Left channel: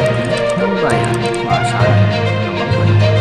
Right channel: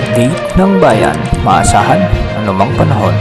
update ng bayan, maasahan anumang panahon.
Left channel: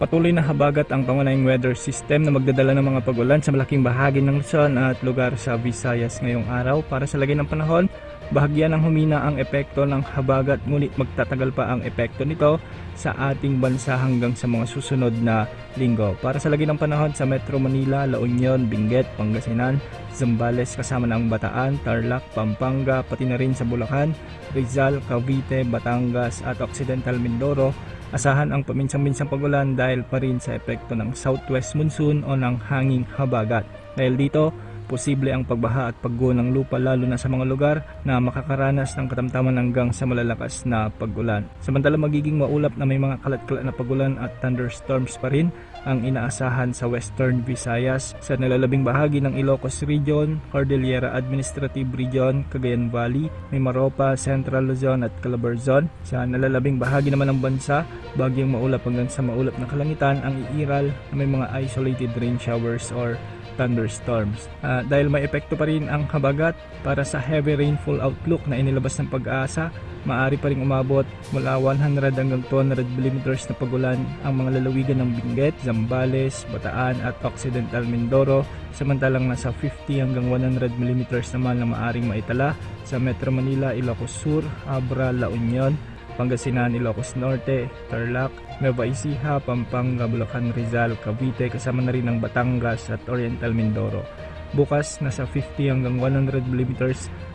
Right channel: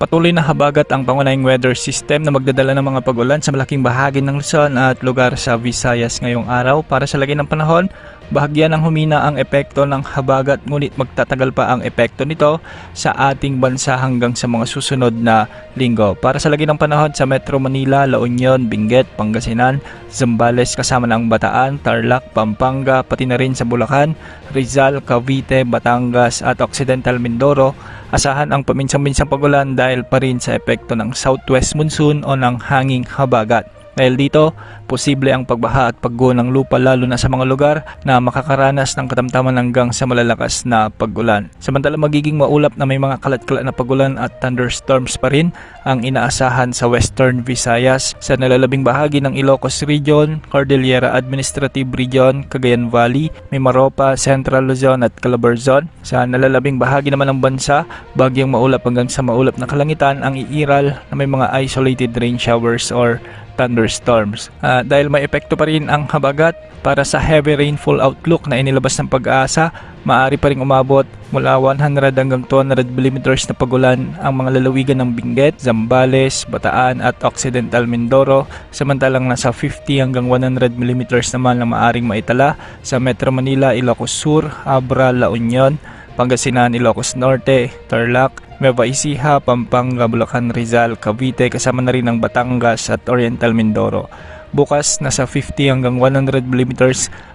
Patuloy na habagat ang pangunahing weather system na magdadala ng mga pag-ulan sa malaking bahagi ng Luzon at lugar sa Visayas ngayong araw. Para sa lagay ng panahon, bahagyan ng humina ang epekto ng habagat ngunit magtatagal pa ang epekto nito sa ating bansa hanggang sa mga susunod na linggo. Para sa lagay ng panahon sa Metro Manila, La Union, Benguet, Pangasinan, Zambales kasama ng Bataan, Tarlac, Pampanga, pati na rin sa Bulacan, Rizal, Cavite, Batangas at Occidental Mindoro. Asahan ang paminsan-minsang pag-ulan dahil pa rin sa epekto ng southwest monsoon o ng hanging habagat. Dahil dito, posible ang pagbaha at pagguho ng lupa lalo na sa mga lugar na makakaranas ng katamtaman hanggang sa malalakas na pag-ulan. Samantala magiging maulap na may mga kalat-kalat na pag-ulan at thunderstorms pa rin ang inaasahan sa Western Visayas, sa nalalabing bahagi ng Ilocos Region, Cordillera Administrative Region, Cagayan Valley, Mimaropa, Central Luzon at Calabarzon. Sa nalalabing bahagi naman ng bansa, bagyang maulap hanggang sa maulap na kalangitan ang iiral na may mga isolated rain showers or thunderstorms. Dahil may epekto pa rin ang habagat, para sa heavy rainfall outlook na inilabas ng Pag-asa, maaari pa rin umabot mula 100 hanggang 200 mm na pag-ulan ang mga lalawigan ng Benguet, Zambales, Bataan at Occidental Mindoro, samantalang nasa 50 hanggang 100 mm naman ang maaring maitala sa Metro Manila, Ilocos Sur, Abra, La Union, Pangasinan, Ilocos Norte, Tarlac, Nueva Ecija, Pampanga, Bulacan, Rizal, Cavite kasama na rin ang Batangas at Oriental Mindoro. Bukas nasa 50 hanggang 100 mm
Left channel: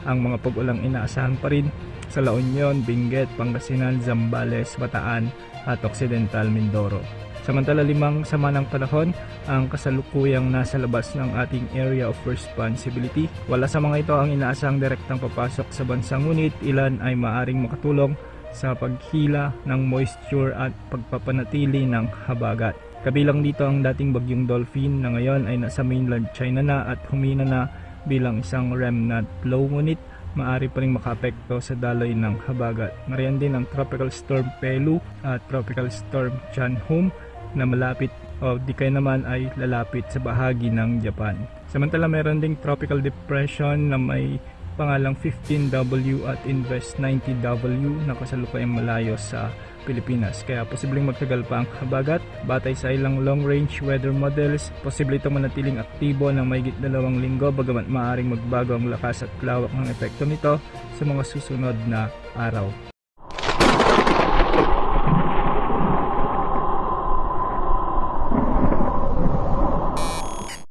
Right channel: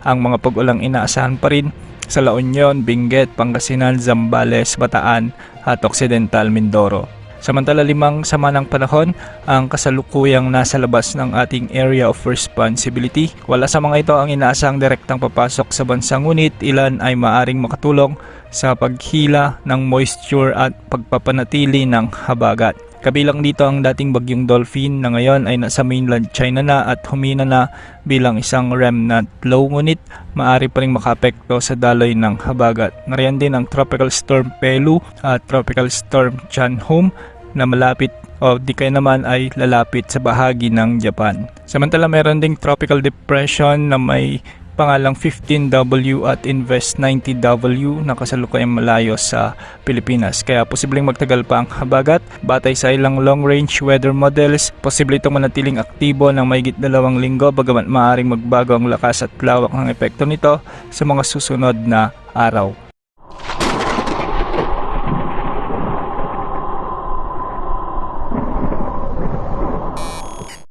ang mga pag-ulang inaasahan pa rin sa La Union, Benguet, Pangasinan, Zambales, Bataan at Occidental Mindoro. Samantala 5 sama ng panahon ang kasalukuyang nasa labas ng ating area of responsibility. Wala sa mga ito ang inaasahang direktang papasok sa bansa ngunit ilan ay maaring makatulong sa paghila ng moisture at pagpapanatili ng habagat. Kabilang dito ang dating bagyong Dolphin na ngayon ay nasa mainland China na at humina na bilang isang remnant low ngunit maaari pa rin makaapekto sa daloy ng habagat. Nariyan din ang Tropical Storm Pelu at Tropical Storm Chanhom na malapit o di kaya naman ay lalapit sa bahagi ng Japan. Samantala meron ding Tropical Depression na may pangalang 15W at Invest 90W na kasalukuyang malayo sa Pilipinas. Kaya posibleng magtagal pa ang habagat. Batay sa ilang long-range weather models, posible itong manatiling aktibo ng mahigit 2 linggo bagamat maaaring magbago ang lakas at lawak ng epekto nito sa mga susunod na araw.